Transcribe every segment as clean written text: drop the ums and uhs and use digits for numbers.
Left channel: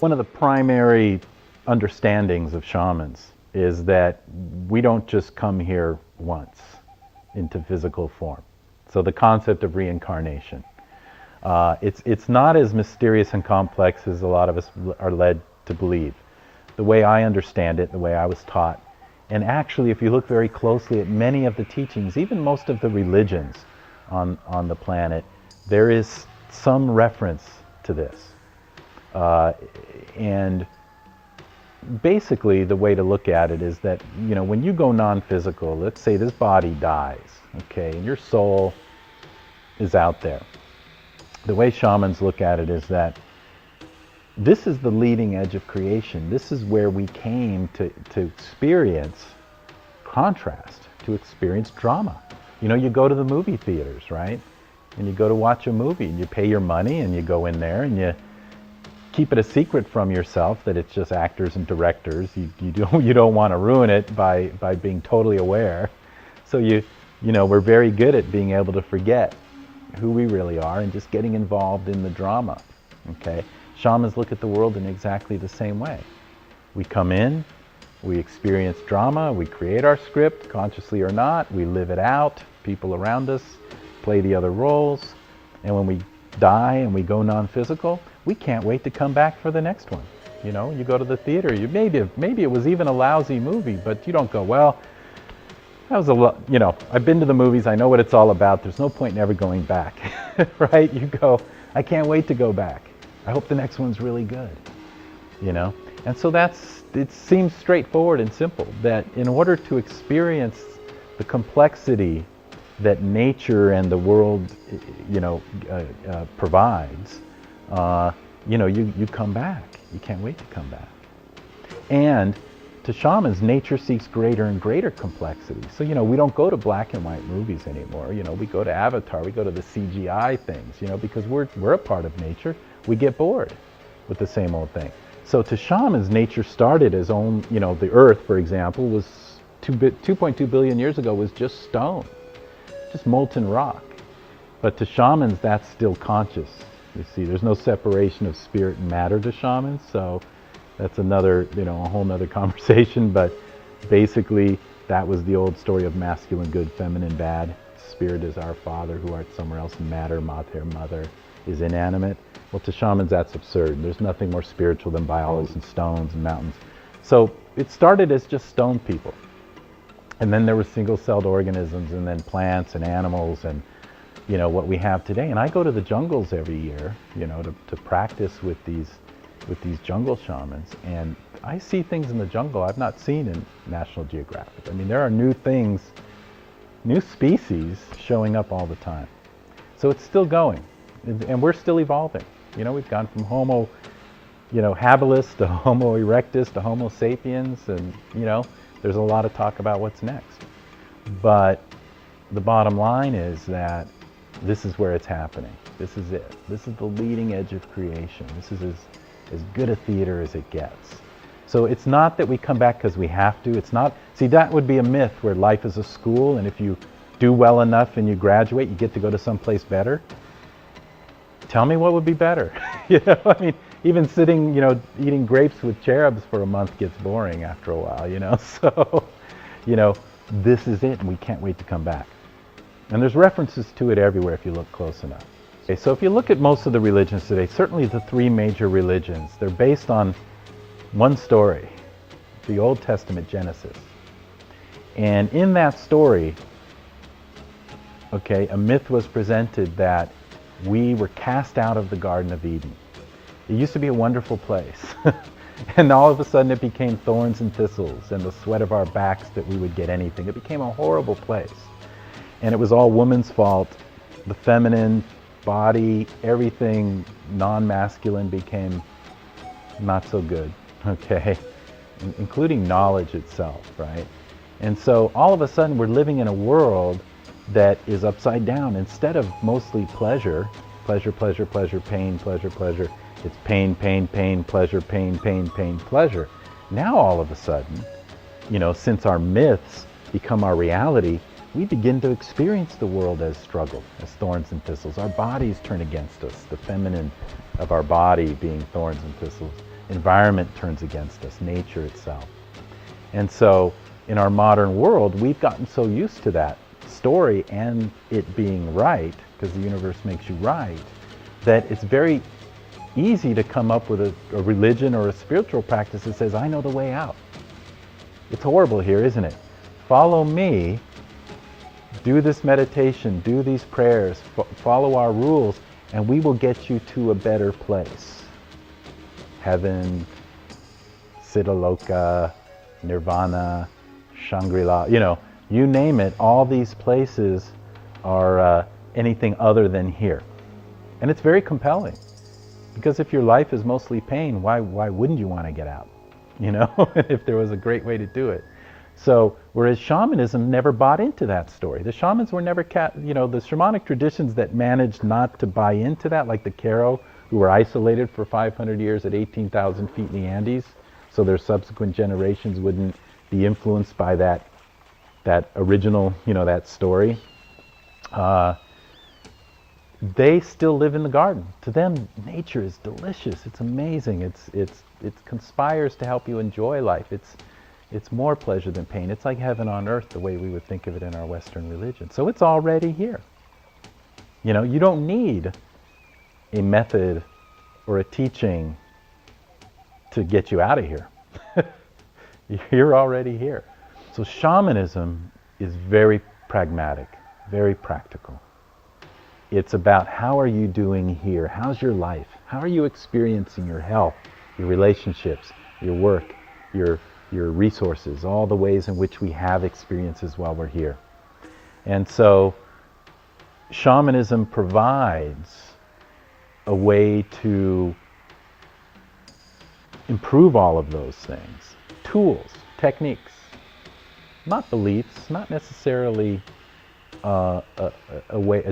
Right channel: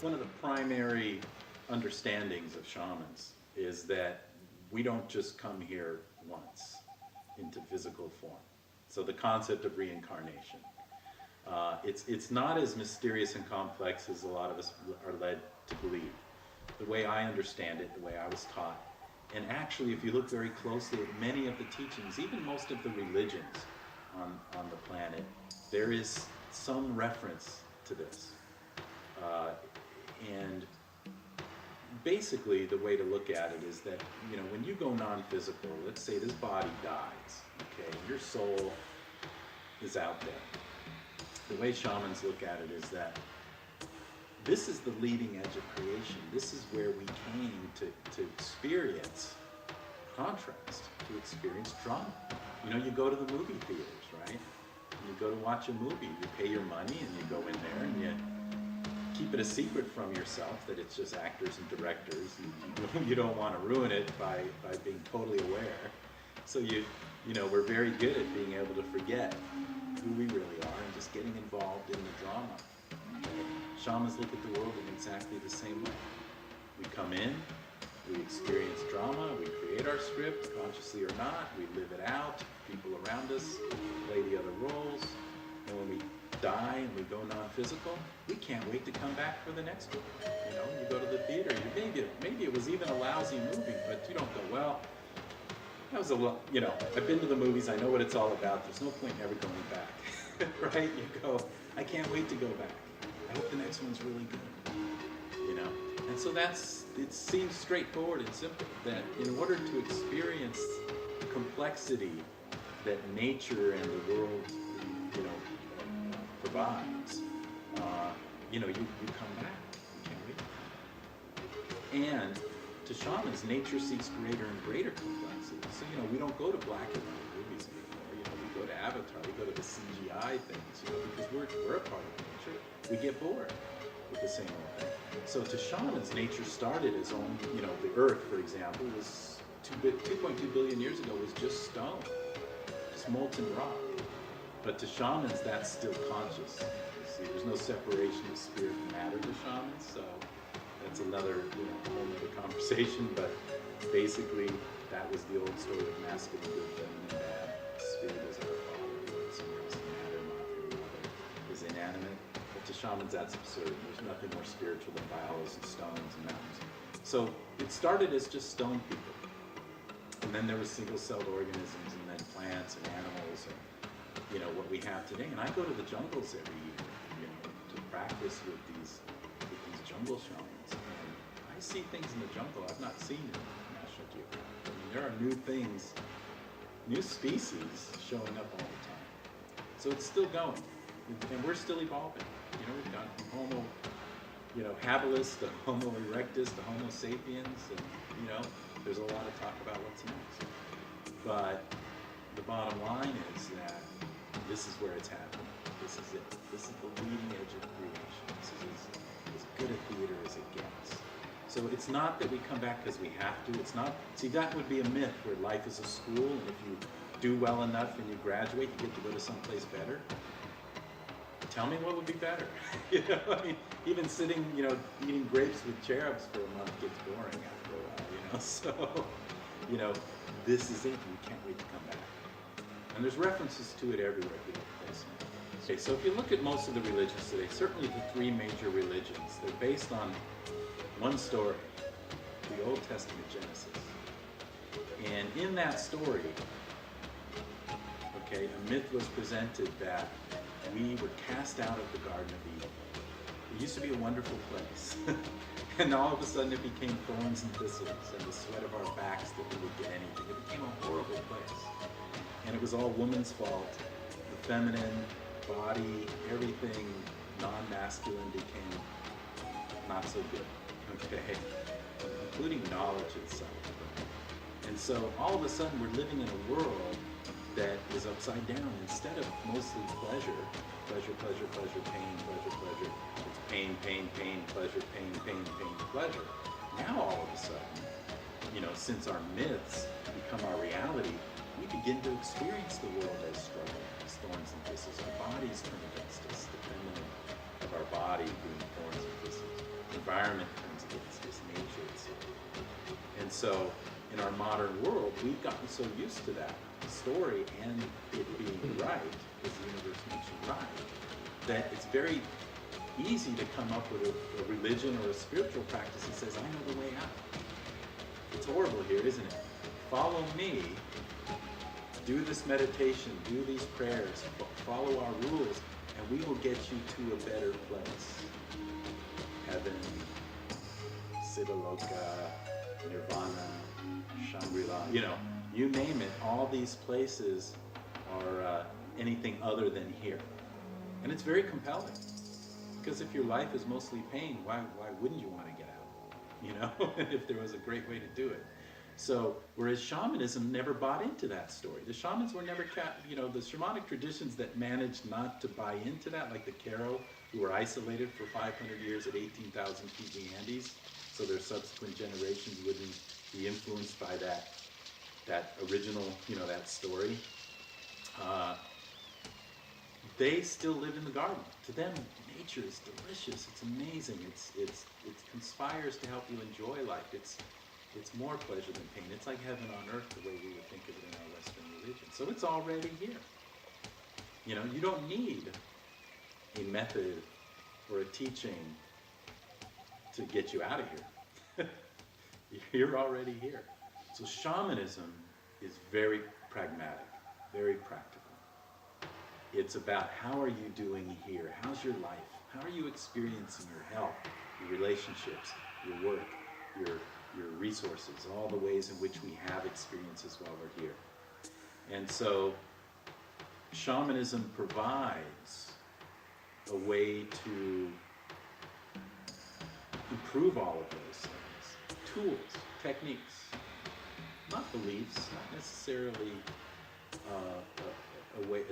One of the primary understandings of shamans is that we don't just come here once into physical form. So the concept of reincarnation. It's not as mysterious and complex as a lot of us are led to believe. The way I understand it, the way I was taught, and actually if you look very closely at many of the teachings, even most of the religions on the planet, there is some reference to this. And basically the way to look at it is that, when you go non-physical, let's say this body dies, okay, and your soul is out there. The way shamans look at it is that this is the leading edge of creation. This is where we came to experience contrast, to experience drama. You go to the movie theaters, right? And you go to watch a movie, and you pay your money, and you go in there, and you keep it a secret from yourself that it's just actors and directors. You don't want to ruin it by being totally aware. So we're very good at being able to forget who we really are and just getting involved in the drama. Okay, shamans look at the world in exactly the same way. We come in, we experience drama, we create our script, consciously or not, we live it out, people around us play the other roles, and when we die and we go non-physical, we can't wait to come back for the next one. You go to the theater, maybe it was even a lousy movie, but you don't go, well, that was a lot, I've been to the movies, I know what it's all about, there's no point in ever going back, right? You go, I can't wait to go back. I hope the next one's really good, And so it seems straightforward and simple, that in order to experience the complexity that nature and the world, provides, you come back. You can't wait to come back. And to shamans, nature seeks greater and greater complexity. So, we don't go to black and white movies anymore. We go to Avatar, we go to the CGI things, because we're a part of nature. We get bored with the same old thing. So to shamans, nature started as the earth, for example, was 2.2 billion years ago was just stone, just molten rock. But to shamans, that's still conscious. You see, there's no separation of spirit and matter to shamans, so that's another, a whole nother conversation. But basically, that was the old story of masculine good, feminine bad. Spirit is our father who art somewhere else. Matter, mater, mother, is inanimate. Well, to shamans, that's absurd. There's nothing more spiritual than biology and stones and mountains. So it started as just stone people. And then there were single-celled organisms, and then plants and animals, and what we have today. And I go to the jungles every year, to practice with these jungle shamans, and I see things in the jungle I've not seen in National Geographic. I mean, there are new things, new species showing up all the time. So it's still going, and we're still evolving. We've gone from Homo, habilis to Homo erectus to Homo sapiens, and there's a lot of talk about what's next. But the bottom line is that this is where it's happening. This is it. This is the leading edge of creation. This is as good a theater as it gets. So it's not that we come back because we have to. It's not, see, that would be a myth where life is a school, and if you do well enough and you graduate, you get to go to someplace better. Tell me what would be better. I mean, even sitting, eating grapes with cherubs for a month gets boring after a while, So, this is it, and we can't wait to come back. And there's references to it everywhere if you look close enough. Okay, so if you look at most of the religions today, certainly the three major religions, they're based on one story, the Old Testament Genesis. And in that story, a myth was presented that we were cast out of the Garden of Eden. It used to be a wonderful place. And all of a sudden it became thorns and thistles and the sweat of our backs that we would get anything. It became a horrible place. And it was all woman's fault. The feminine body, everything non-masculine became not so good, including knowledge itself, right? And so all of a sudden we're living in a world that is upside down. Instead of mostly pleasure, pleasure, pleasure, pleasure, pain, pleasure, pleasure, it's pain, pain, pain, pleasure, pain, pain, pain, pleasure. Now all of a sudden, since our myths become our reality, we begin to experience the world as struggle, as thorns and thistles. Our bodies turn against us, the feminine of our body being thorns and thistles. environment turns against us, nature itself. And so in our modern world, we've gotten so used to that story and it being right, because the universe makes you right, that it's very easy to come up with a religion or a spiritual practice that says, I know the way out. It's horrible here, isn't it? Follow me, do this meditation, do these prayers, follow our rules, and we will get you to a better place. Heaven, Siddhaloka, Nirvana, Shangri-La, you name it, all these places are anything other than here. And it's very compelling, because if your life is mostly pain, why wouldn't you want to get out? If there was a great way to do it. So, whereas shamanism never bought into that story. The shamans were never, the shamanic traditions that managed not to buy into that, like the Karo, who were isolated for 500 years at 18,000 feet in the Andes, so their subsequent generations wouldn't be influenced by that original, that story. They still live in the garden. To them, nature is delicious. It's amazing. It conspires to help you enjoy life. It's more pleasure than pain. It's like heaven on earth, the way we would think of it in our Western religion. So it's already here. You don't need a method or a teaching to get you out of here. You're already here. So shamanism is very pragmatic, very practical. It's about, how are you doing here? How's your life? How are you experiencing your health, your relationships, your work, your resources, all the ways in which we have experiences while we're here. And so shamanism provides a way to improve all of those things. Tools, techniques, not beliefs, not necessarily a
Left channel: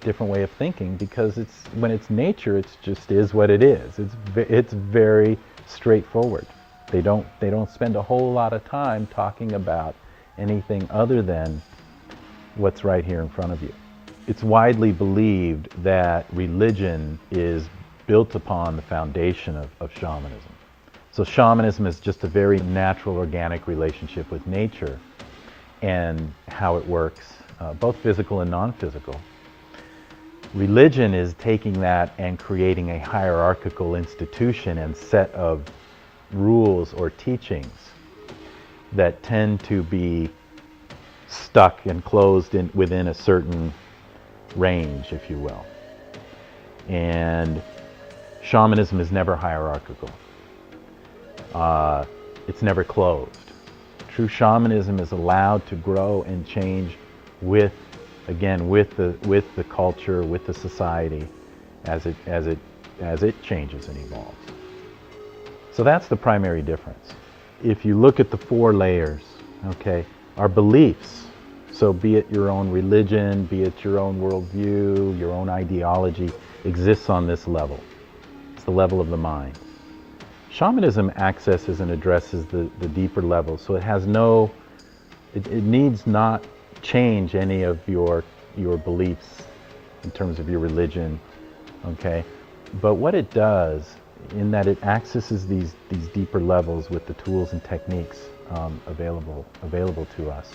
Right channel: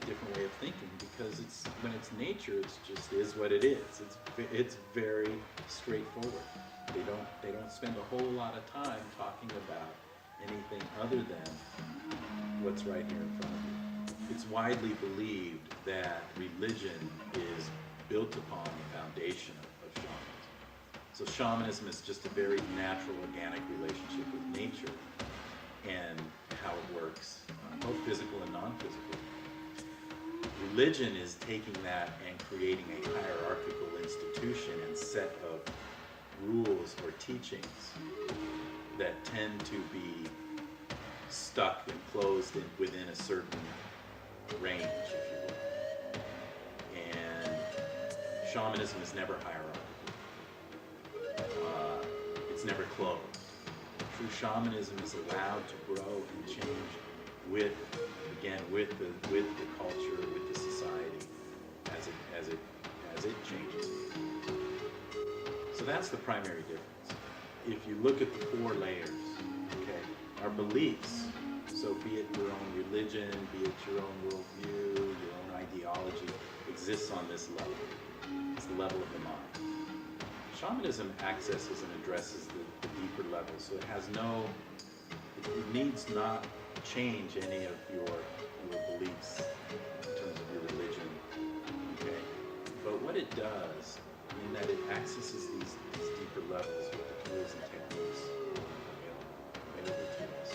different way of thinking, because when it's nature, it just is what it is. It's very straightforward. They don't spend a whole lot of time talking about anything other than what's right here in front of you. It's widely believed that religion is built upon the foundation of shamanism. So shamanism is just a very natural, organic relationship with nature and how it works, both physical and non-physical. Religion is taking that and creating a hierarchical institution and set of rules or teachings that tend to be stuck and closed within a certain range, if you will. And shamanism is never hierarchical. It's never closed. True shamanism is allowed to grow and change with the culture, with the society, as it changes and evolves. So that's the primary difference. If you look at the four layers, okay, our beliefs, so be it your own religion, be it your own worldview, your own ideology, exists on this level. It's the level of the mind. Shamanism accesses and addresses the deeper levels, so it needs not change any of your beliefs in terms of your religion, okay? But what it does, in that it accesses these deeper levels with the tools and techniques available to us,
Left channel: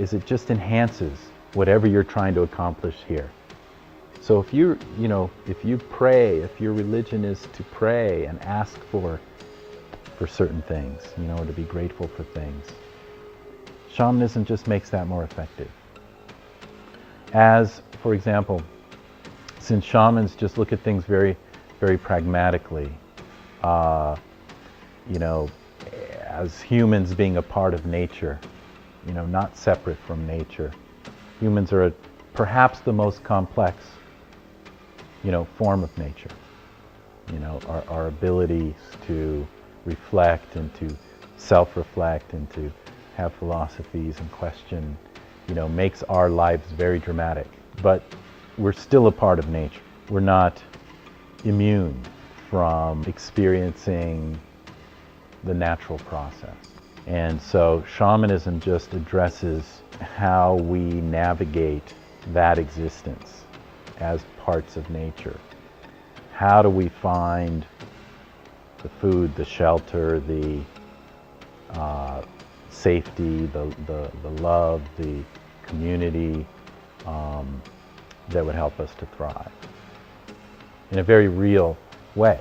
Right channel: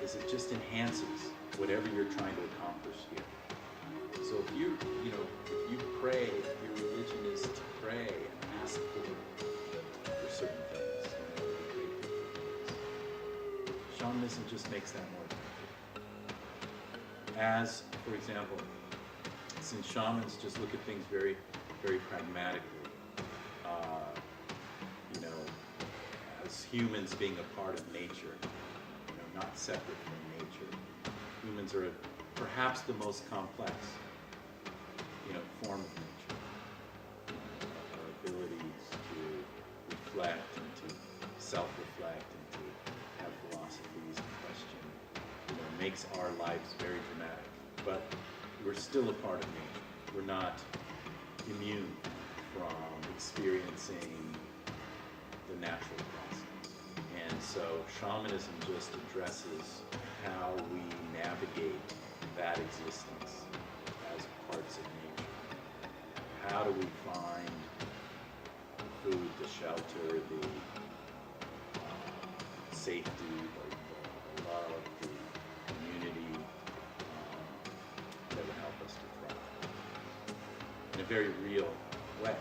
is it just enhances whatever you're trying to accomplish here. So if you pray, if your religion is to pray and ask for certain things, to be grateful for things, shamanism just makes that more effective. As, for example, since shamans just look at things very, very pragmatically, as humans being a part of nature, not separate from nature. Humans are perhaps the most complex, form of nature. Our abilities to reflect and to self-reflect and to have philosophies and question, makes our lives very dramatic. But we're still a part of nature. We're not immune from experiencing the natural process. And so shamanism just addresses how we navigate that existence as parts of nature. How do we find the food, the shelter, the safety, the love, the community that would help us to thrive in a very real way.